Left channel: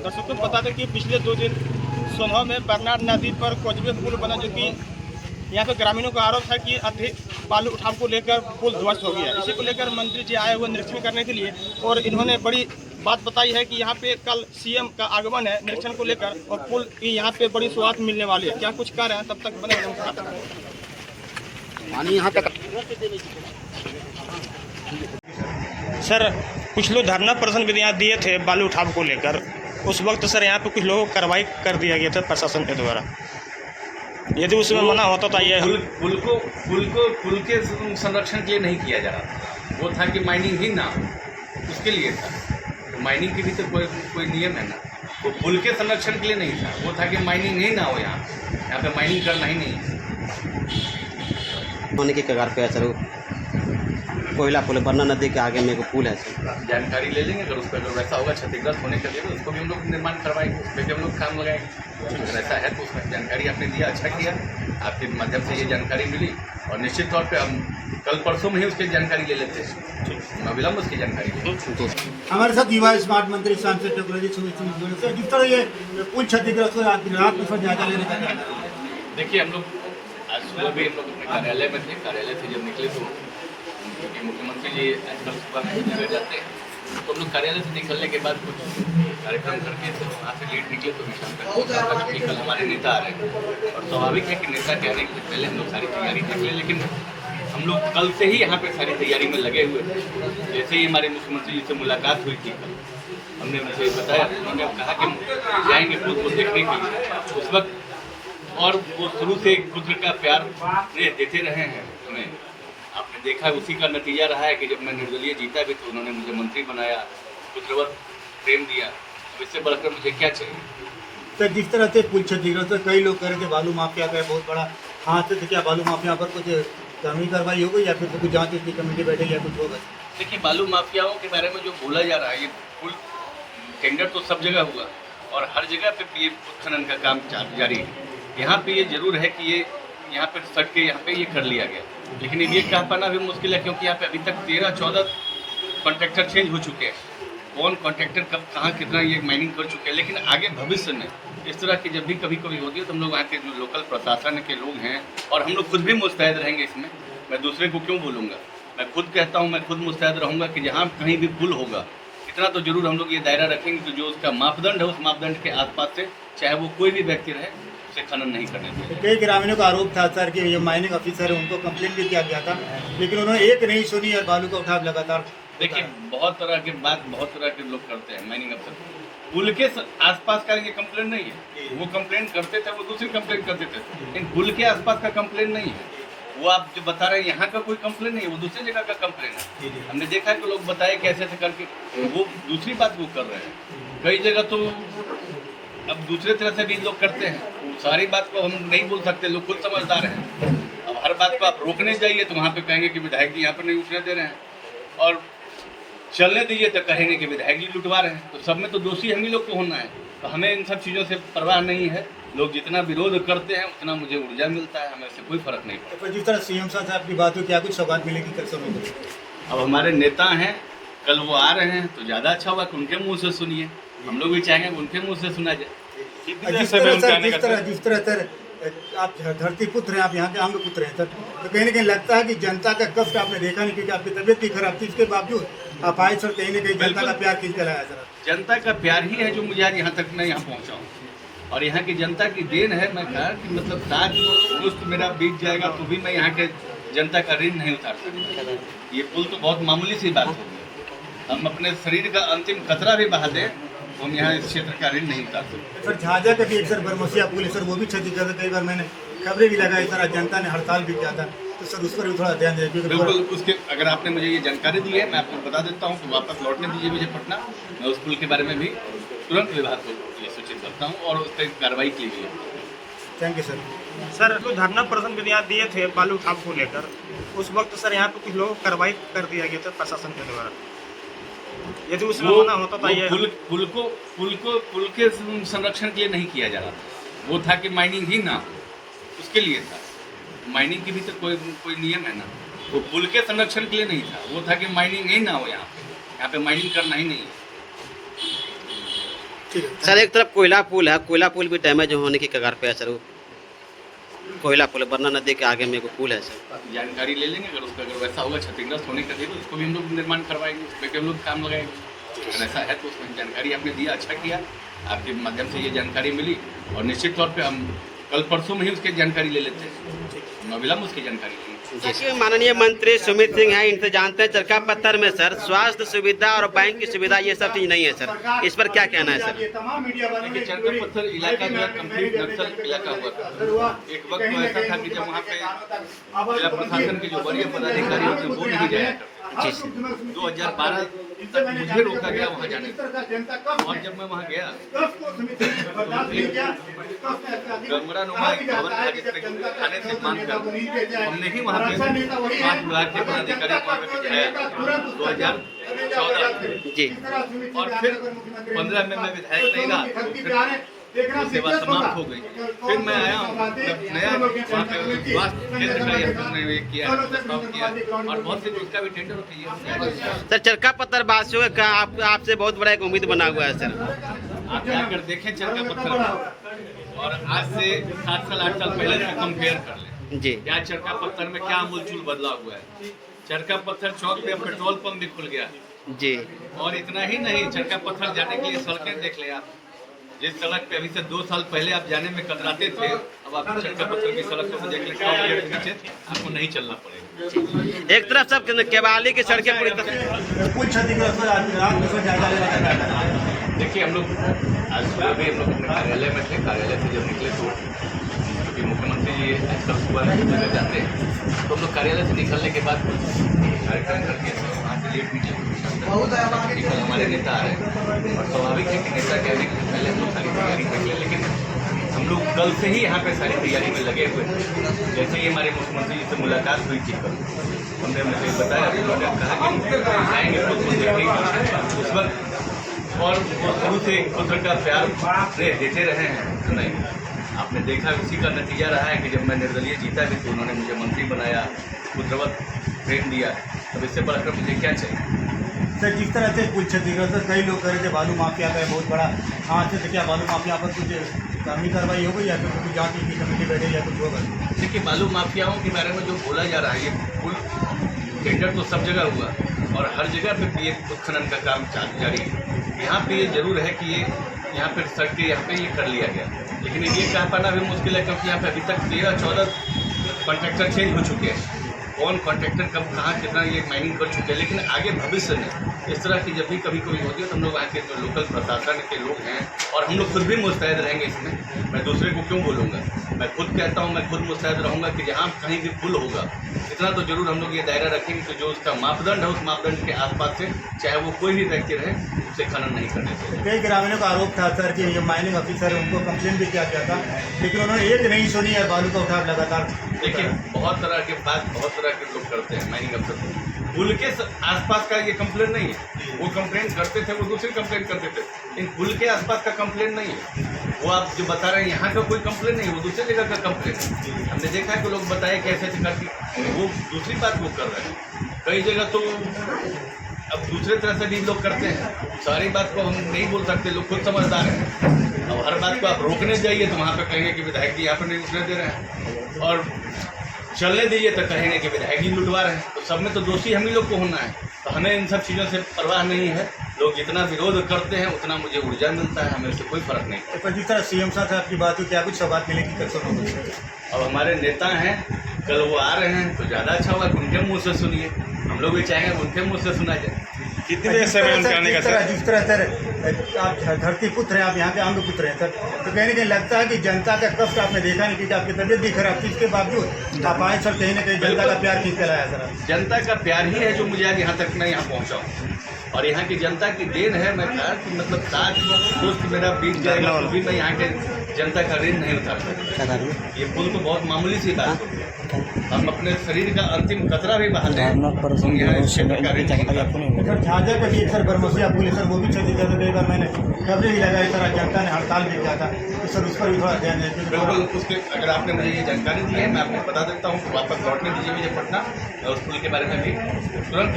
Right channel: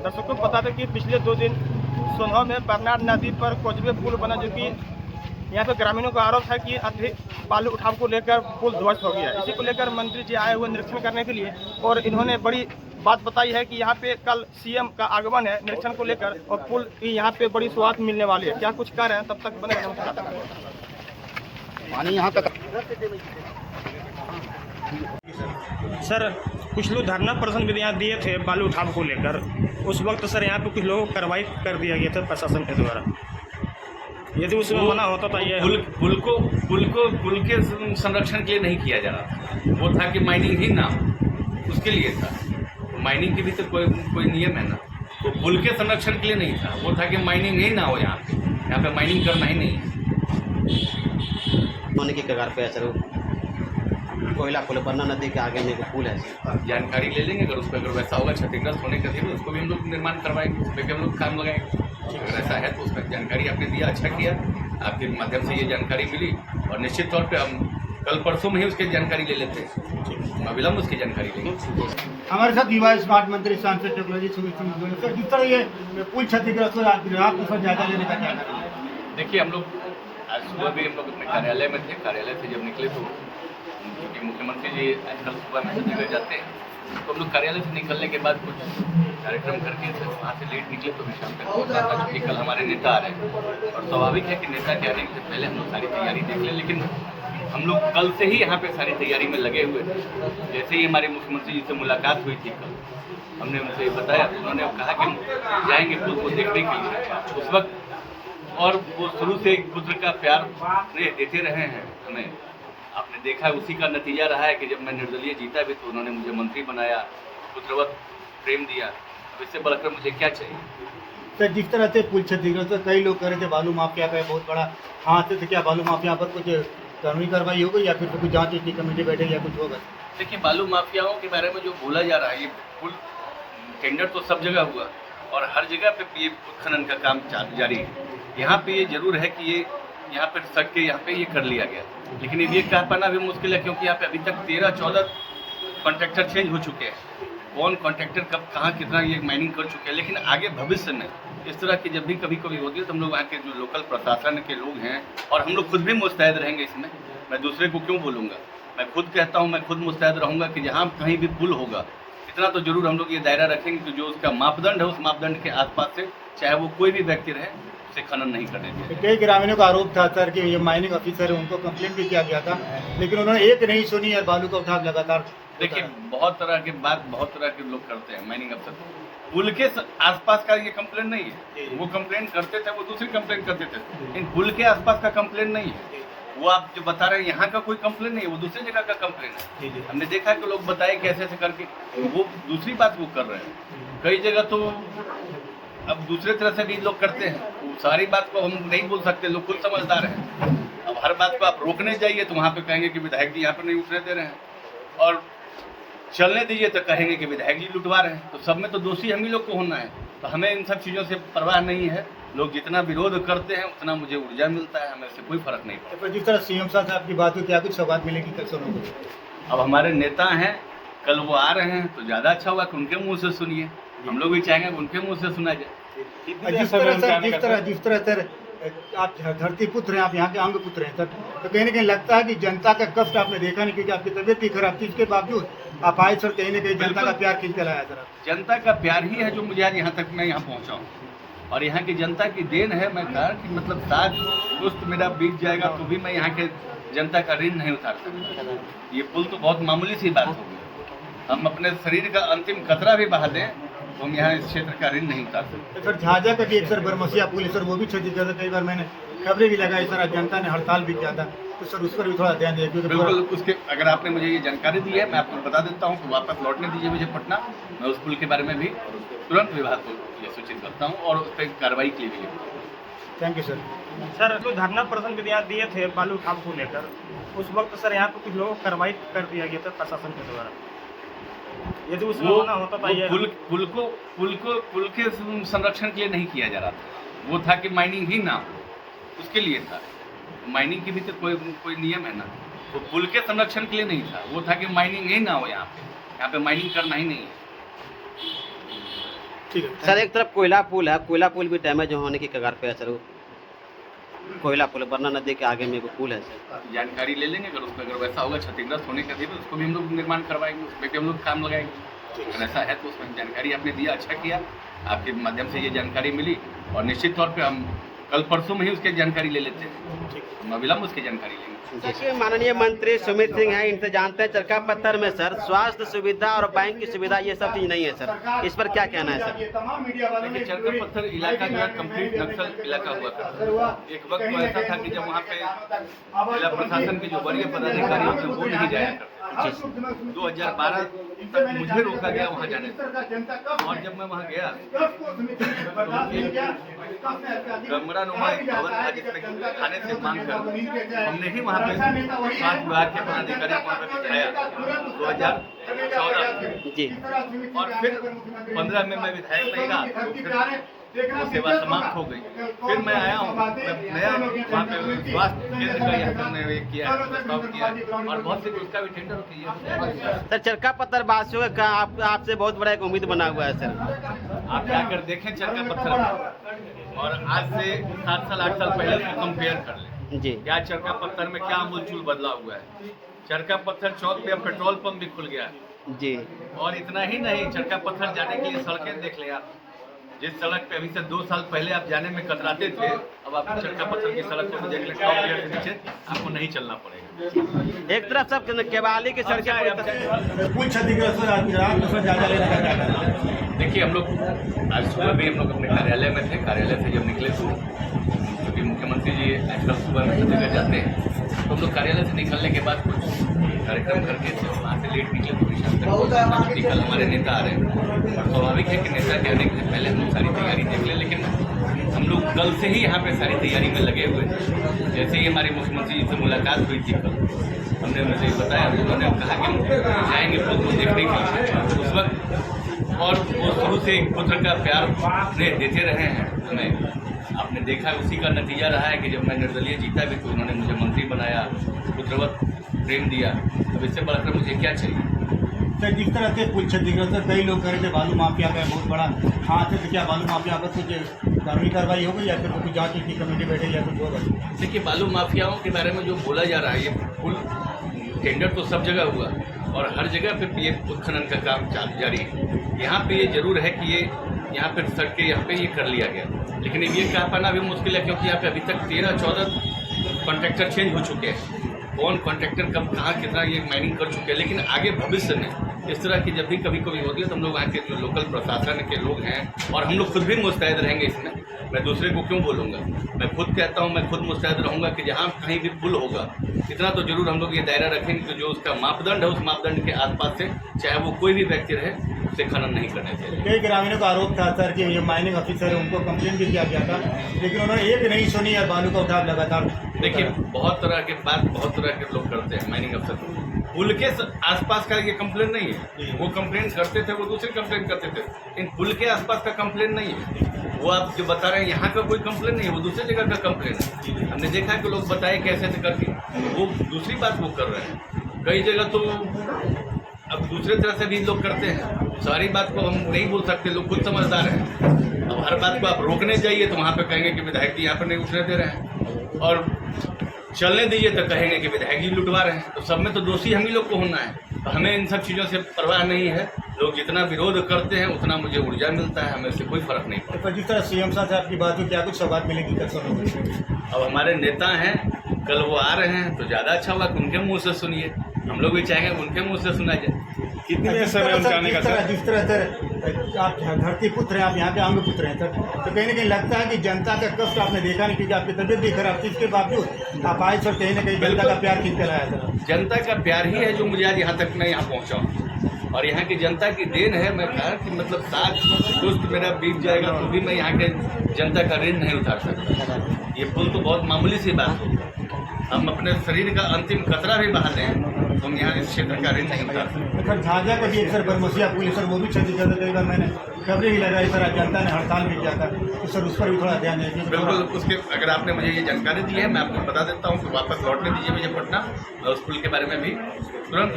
दर्शकों को बता दें कि पिछले 2 दिन सोनहवा में बरनार नदी पर कोजवे पुल बना, जो कि यहाँ पे ग्रामीणों का आरोप है कि अधिक बालू उठाव को लेकर पुल ध्वस्त हो गया। इसी को लेकर मंत्री जी आए हुए निरीक्षण करने के लिए, और इन्होंने बड़ी बात बताई है कि यहाँ पे कल सीएम का आगमन है निरीक्षण को लेकर, और पुल की यहाँ पे बड़ी स्वाद मिलने वाली है। क्या कुछ कह रहे हैं, तब तक बने नमस्कार। यहाँ तक सर, कुछ लोग धरना प्रदर्शन भी यहाँ दिए थे बालू उठाव को लेकर, उस वक्त सर यहाँ पे कुछ लोगों को कार्रवाई कर दिया गया था प्रशासन के द्वारा। यदि उसमें मना होता तो ये पुल के संरक्षण के लिए नहीं किया जा रहा था। वो था कि माइनिंग ही ना हो, उसके लिए था। माइनिंग की भी तो कोई नियम है ना। वो पुल के संरक्षण के लिए नहीं था, वो था कि माइनिंग ही ना हो। यहाँ पे माइनिंग करना ही नहीं है। होने के कगार पे है सर, कोयला पुल बरना नदी के आगे में पुल है सर। जानकारी ले लेंगे, अगर वैसा होगा क्षतिग्रस्त होने का देंगे, उसको भी हम लोग निर्माण करवाएंगे, उस पर भी हम लोग काम लगाएंगे। अगर ऐसा है तो उसमें जानकारी आपने दिया, अच्छा किया, आपके माध्यम से ये जानकारी मिली, और निश्चित तौर पे हम कल परसों में ही उसकी जानकारी ले लेते हैं, अविलंब उसकी जानकारी लेंगे। हमारे साथ युवा स्मार्ट मंत्री सांसद टेक्नोलॉजी से जिस तरह ये पुल क्षतिग्रस्त हो, रात को जायजा लेने का। देखिए, हम लोग आज सुबह भी हम लोग अपने कार्यालय में थे। कार्यालय से जब निकले तो क्योंकि मुख्यमंत्री जी आजकल सुबह में जगह जाते हैं, तो हम लोग कार्यालय से निकलने के बाद कुछ कार्यक्रम करके थे, वहाँ से लेट निकले तो शाम तक पहुँचा था, क्योंकि कल हमारे नेता आ रहे हैं। और स्वाभाविक है कि नेता के आने से पहले हम लोग सारी तैयारी देख लें, लेकिन हम लोग कल से ही यहाँ पे सारी तैयारी में लगे हुए थे। जैसे ही हमारे मुख्यमंत्री जी से मुलाकात हुई थी कल, हमने उनसे बताया, उन्होंने कहा कि हम जाएंगे पुल को देखने के लिए उस वक्त, और वो शुरू से एक पुत्र का प्यार देते रहे हैं हमें। आपने देखा, उसी का नतीजा रहा है कि जब मैं निर्दलीय जीता भी तो उन्होंने मुझे मंत्री बनाया, पुत्रवत प्रेम दिया। अब इससे बढ़कर मुझे क्या चाहिए। सर, जिस तरह से पुल क्षतिग्रस्त, कई लोग कह रहे थे बालू माफिया का बहुत बड़ा हाथ है, क्या बालू माफिया पर कुछ कानूनी कार्रवाई हो गई या फिर कुछ जांच की कमेटी बैठे या कुछ होगा? देखिए, बालू माफियाओं के बारे में जो बोला जा रहा है, ये पुल टेंडर तो सब जगह हुआ और हर जगह पे ये उत्खनन का काम जारी है। यहाँ पे ये जरूर है कि ये यहाँ पे सट के यहाँ पे ये कर लिया गया, लेकिन ये कह पाना भी मुश्किल है, क्योंकि यहाँ पे अभी तक 13-14 कॉन्ट्रैक्टर चेंज हो चुके हैं। कौन कॉन्ट्रैक्टर कब कहाँ कितना ये माइनिंग कर चुके हैं, लेकिन आगे भविष्य में इस तरह की जब भी कभी होती है तो हम लोग वहाँ के जो लोकल प्रशासन के लोग हैं, और हम लोग खुद भी मुस्तैद रहेंगे इसमें। मैं दूसरे को क्यों बोलूँगा, मैं खुद कहता हूँ, मैं खुद मुस्तैद रहूँगा कि जहाँ कहीं भी पुल होगा, इतना तो जरूर हम लोग ये दायरा रखेंगे कि जो उसका मापदंड है, उस मापदंड के आसपास से चाहे वो कोई भी व्यक्ति रहे, उसे खनन नहीं करने देंगे। कई ग्रामीणों का आरोप था सर कि ये माइनिंग ऑफिसर है, उनको कंप्लेंट भी किया गया था, लेकिन उन्होंने एक नहीं सुनी है, बालू का उठाव लगातार। देखिए, बहुत तरह की बात बहुत तरह के लोग करते हैं। माइनिंग अफसर पुल के आसपास का ये कंप्लेंट नहीं है, वो कंप्लेंट करते थे, वो दूसरी कंप्लेंट करते थे, लेकिन पुल के आसपास का कंप्लेंट नहीं है। वो आप जो बता रहे हैं यहाँ का कोई कंप्लेंट नहीं है, वो दूसरी जगह का कंप्लेंट है। हमने देखा कि लोग बताए कैसे ऐसे करके, वो दूसरी बात वो कर रहे हैं। कई जगह तो अब दूसरे तरह से भी लोग करते हैं, वो सारी बात को हम नहीं बोल सकते, लोग खुद समझदार हैं। अब हर बात को आप रोकने जाइए तो वहाँ पे कहेंगे कि विधायक जी यहाँ पर नहीं उठने दे रहे हैं, और चलने दीजिए तो कहेंगे कि विधायक जी लुटवा रहे हैं। तो सब में तो दोषी हम ही लोग को होना है। तो हमें इन सब चीज़ों से परवाह नहीं है। लोग जितना विरोध करते हैं उतना मुझे ऊर्जा मिलता है, हमें इससे कोई फर्क नहीं पड़ता। तो जिस तरह सीएम साहब से आपकी बात हुई, क्या कुछ सौगात मिलेगी कल समय? अब हमारे नेता हैं, कल वो आ रहे हैं तो ज़्यादा अच्छा होगा कि उनके मुँह से सुनिए। हम लोग भी चाहेंगे कि उनके मुँह से सुना जाए। जिस तरह सर आप धरती पुत्र हैं, आप यहाँ के अंग पुत्र हैं सर, तो कहीं ना कहीं लगता है कि जनता का कष्ट आपने देखा नहीं, क्योंकि आपकी तबियत भी खराब थी, इसके बावजूद आप आए सर, कहीं ना कहीं जनता का प्यार खींच कर आया सर। जनता का प्यार ही है जो मुझे आज यहाँ तक मैं यहाँ पहुँचा हूँ, और यहाँ की जनता की देन है। मैं कहा कि मतलब 7 मुश्त मेरा बीत जाएगा तो भी मैं यहाँ के जनता का ऋण नहीं उतार सकता। ये पुल तो बहुत मामूली सी बात होगी। हम अपने शरीर का अंतिम कतरा भी बहा दें तो हम यहाँ इस क्षेत्र का ऋण नहीं उतार सकते। सर, झाझा का भी एक सर बरमसिया पुल है सर, वो भी क्षतिग्रस्त। कई बार मैंने खबरें भी लगाई सर, जनता ने हड़ताल भी किया था, तो सर उस पर भी थोड़ा ध्यान दें। बिल्कुल, उसके अगर आपने मुझे ये जानकारी दी है, मैं आपको बता देता हूँ कि वापस लौटने दीजिए मुझे पटना। मैं उस पुल के बारे में भी तुरंत विभाग को ये सूचित करता हूँ और उस पर कार्रवाई के लिए। Thank you sir. सर, जो धरना प्रदर्शन भी यहाँ दिए थे बालू उठाव को लेकर, उस वक्त सर यहाँ पे कुछ लोगों को कार्रवाई कर दिया गया था प्रशासन के द्वारा। यदि उसमें मना होता तो ये पुल के संरक्षण के लिए नहीं किया जा रहा था, वो था कि माइनिंग ही ना हो, उसके लिए था। माइनिंग की भी तो कोई नियम है ना। वो पुल के संरक्षण के लिए नहीं था, वो था कि माइनिंग ही ना हो, यहाँ पे माइनिंग करना ही नहीं है। ठीक है। सर एक तरफ कोयला पुल है, कोयला पुल भी डैमेज होने की कगार पे है सर। वो कोयला पुल बरना नदी के आगे में एक पुल है सर। जानकारी ले लेंगे, अगर वैसा होगा क्षतिग्रस्त होने का तो उसको भी हम लोग निर्माण करवाएंगे, उसमें भी हम लोग काम लगाएंगे। अगर ऐसा है तो उसमें जानकारी आपने दिया, अच्छा किया, आपके माध्यम से ये जानकारी मिली और निश्चित तौर पे हम कल परसों में ही उसकी जानकारी ले लेते हैं, अविलंब उसकी जानकारी लेंगे। देखिए माननीय मंत्री सुमित सिंह हैं, इनसे जानते हैं चरका पत्थर में सर स्वास्थ्य सुविधा और बैंक की सुविधा ये सब चीज़ नहीं है सर, इस पर क्या कहना है सर? देखिए चरका पत्थर इलाका जो है कंप्लीट नक्सल इलाका हुआ था। एक वक्त तो ऐसा था कि जब वहाँ पे जिला प्रशासन के जो वरीय पदाधिकारी होते हैं वो नहीं जाया करते। 2012 तक मुझे रोका गया वहाँ जाने से, और जब मैं वहाँ गया तो गमरा नुमा एक भवन था जिसमें खाने से मांग कर हमने ही वहाँ पे स्वास्थ्य विभाग के पदाधिकारी वहाँ पे बिठाया 2014 जी। और फिर 15 में मैं विधायक नहीं रहा तो फिर वो सेवा समाप्त हो गई। फिर मैं आया हूँ, नया वहाँ पे स्वास्थ्य केंद्र का यहाँ हमने किया है, प्रस्ताव किया और बहुत से उसका भी टेंडर किया। सर चरका पत्थर वासियों का आपसे बहुत बड़ा एक उम्मीद बना हुआ है सर। आप जाकर देखें चरका पत्थर और आज से 7 साल 8 साल पहले को कंपेयर कर लें जी। क्या चरका पत्थर में क्या आमूलचूल बदलाव हुआ है। चरका पत्थर चौक पे पेट्रोल पंप भी खुल गया जी। और इतना ही नहीं, चरका पत्थर जाने के लिए सड़कें देख लें आप। जिस सड़क पे अभी से 2 साल पहले आप जाने में कतराते थे, अब आप चरका पत्थर की सड़क को देख लें, टॉप गियर के नीचे आपको नहीं चलना पड़ेगा। एक तरफ सब केवाली की सड़कें पूरी तरह कुल क्षतिग्रस्त जायजा लेने का क्या करना है? देखिए हम लोग आज सुबह भी हम लोग अपने कार्यालय में थे, कार्यालय से जब निकले तो क्योंकि मुख्यमंत्री जी आजकल सुबह जगह जाते हैं तो हम लोग कार्यालय से निकलने के बाद कुछ कार्यक्रम करके वहाँ से लेट निकले। कल हमारे नेता आ रहे हैं और स्वाभाविक है कि नेता के आने के पहले हम लोग सारी तैयारी देख लें, लेकिन हम लोग कल से ही यहाँ पे सारी तैयारी में लगे हुए हैं। जैसे ही हमारे मुख्यमंत्री जी से मुलाकात हुई थी कल, हमने मुझे बताया, उन्होंने कहा कि जाएंगे पुल को देखने के लिए उस वक्त, और वो शुरू से एक पुत्र का प्यार देते रहे हैं हमें। आपने देखा उसी का नतीजा रहा है कि जब मैं निर्दलीय जीता भी तो उन्होंने मुझे मंत्री बनाया, पुत्रवत प्रेम दिया। अब इससे बढ़कर मुझे क्या चाहिए? सर जिस तरह से कुल क्षतिग्रस्त कई लोग कह रहे थे बालू माफिया का बहुत बड़ा हाथ है, तो क्या बालू माफिया पर कुछ कानूनी कार्रवाई होगी या फिर कुछ जांच की कमेटी बैठे या कुछ होगा? देखिए बालू माफियाओं के बारे में जो बोला जा रहा है, ये पुल टेंडर तो सब जगह हुआ और हर जगह पे ये उत्खनन का काम जारी है। यहाँ पे ये जरूर है कि ये यहाँ पे सड़क के यहाँ पे ये कर लिया गया, लेकिन ये कह पाना भी मुश्किल है क्योंकि यहाँ पे अभी तक 13-14 कॉन्ट्रैक्टर चेंज हो चुके हैं। कौन कॉन्ट्रैक्टर कब कहाँ कितना ये माइनिंग कर चुके हैं, लेकिन आगे भविष्य में इस तरह की जब भी कभी होती है तो हम लोग वहाँ के जो लोकल प्रशासन के लोग हैं और हम लोग खुद भी मुस्तैद रहेंगे इसमें। मैं दूसरे को क्यों बोलूँगा, मैं खुद कहता हूँ, मैं खुद मुस्तैद रहूँगा कि जहाँ कहीं भी पुल होगा इतना तो जरूर हम लोग ये दायरा रखेंगे कि जो उसका मापदंड है उस मापदंड के आसपास से चाहे वो कोई भी व्यक्ति रहे उसे खनन नहीं करने चाहिए। कई ग्रामीणों का आरोप था सर कि ये माइनिंग ऑफिसर उनको कंप्लेन भी किया गया था, लेकिन उन्होंने एक नहीं सुनी है, बालू का उठाव लगातार। देखिए बहुत तरह के बात बहुत तरह के लोग करते हैं माइनिंग अफसर। पुल के आसपास का ये कंप्लेन नहीं है, वो कंप्लेन करते थे, वो दूसरी कंप्लेन करते थे। इन पुल के आसपास का कंप्लेन नहीं है, वो आप जो बता रहे हैं यहाँ का कोई कंप्लेन नहीं है, वो दूसरी जगह का कंप्लेन है। हमने देखा है कि लोग बताए कैसे ऐसे करके वो दूसरी बात वो कर रहे हैं। कई जगह तो अब दूसरे तरह से भी लोग करते हैं, सारी बात को हम नहीं बोल सकते, लोग खुद समझदार हैं। अब हर बात को आप रोकने जाइए तो वहाँ पे कहेंगे कि विधायक जी यहाँ पर नहीं उतरने दे रहे हैं, और चलने दीजिए तो कहेंगे कि विधायक जी लुटवा रहे हैं। तो सब में तो दोषी हम ही लोग को होना है, तो हमें इन सब चीज़ों से परवाह नहीं है। लोग जितना विरोध करते हैं उतना मुझे ऊर्जा मिलता है, हमें उससे कोई फर्क नहीं पड़ता। पर जिस तरह सीएम साहब से आपकी बात हुई, क्या कुछ सौगात मिलेगी कसम? अब हमारे नेता हैं, कल वो आ रहे हैं तो ज़्यादा अच्छा होगा कि उनके मुँह से सुनिए, हम लोग भी चाहेंगे उनके मुँह से सुना जाए। कितने समय उनके आने का सर? जिस तरह सर आप धरती पुत्र हैं, आप यहाँ के अंग पुत्र हैं सर, तो कहीं ना कहीं लगता है कि जनता का कष्ट आपने देखा नहीं, क्योंकि आपकी तबीयत भी खराब थी, इसके बावजूद आप आए सर, कहीं ना कहीं जनता का प्यार खींच के लाया सर। जनता का प्यार ही है जो मुझे आज यहाँ तक मैं यहाँ पहुँचा हूँ, और यहाँ की जनता की देन है। मैं कहा कि मतलब 7 दोस्त मेरा बीत जाएगा तो भी मैं यहाँ के जनता का ऋण नहीं उतार सकता। ये पुल तो बहुत मामूली सी बात होगी, हम अपने शरीर का अंतिम कतरा भी बहा लें तो हम यहाँ इस क्षेत्र का ऋण नहीं उतार सकते। सर झाझा का भी सर बरमसिया पुल सर, वो भी क्षतिग्रस्त कई बार मैंने खबरें भी लगाई सर, जनता ने हड़ताल भी किया था, तो सर उस पर भी थोड़ा ध्यान दें। बिल्कुल, उसके अगर आपने मुझे ये जानकारी दी है मैं आपको बता देता हूँ कि वापस लौटने दीजिए मुझे पटना, मैं उस पुल के बारे में भी तुरंत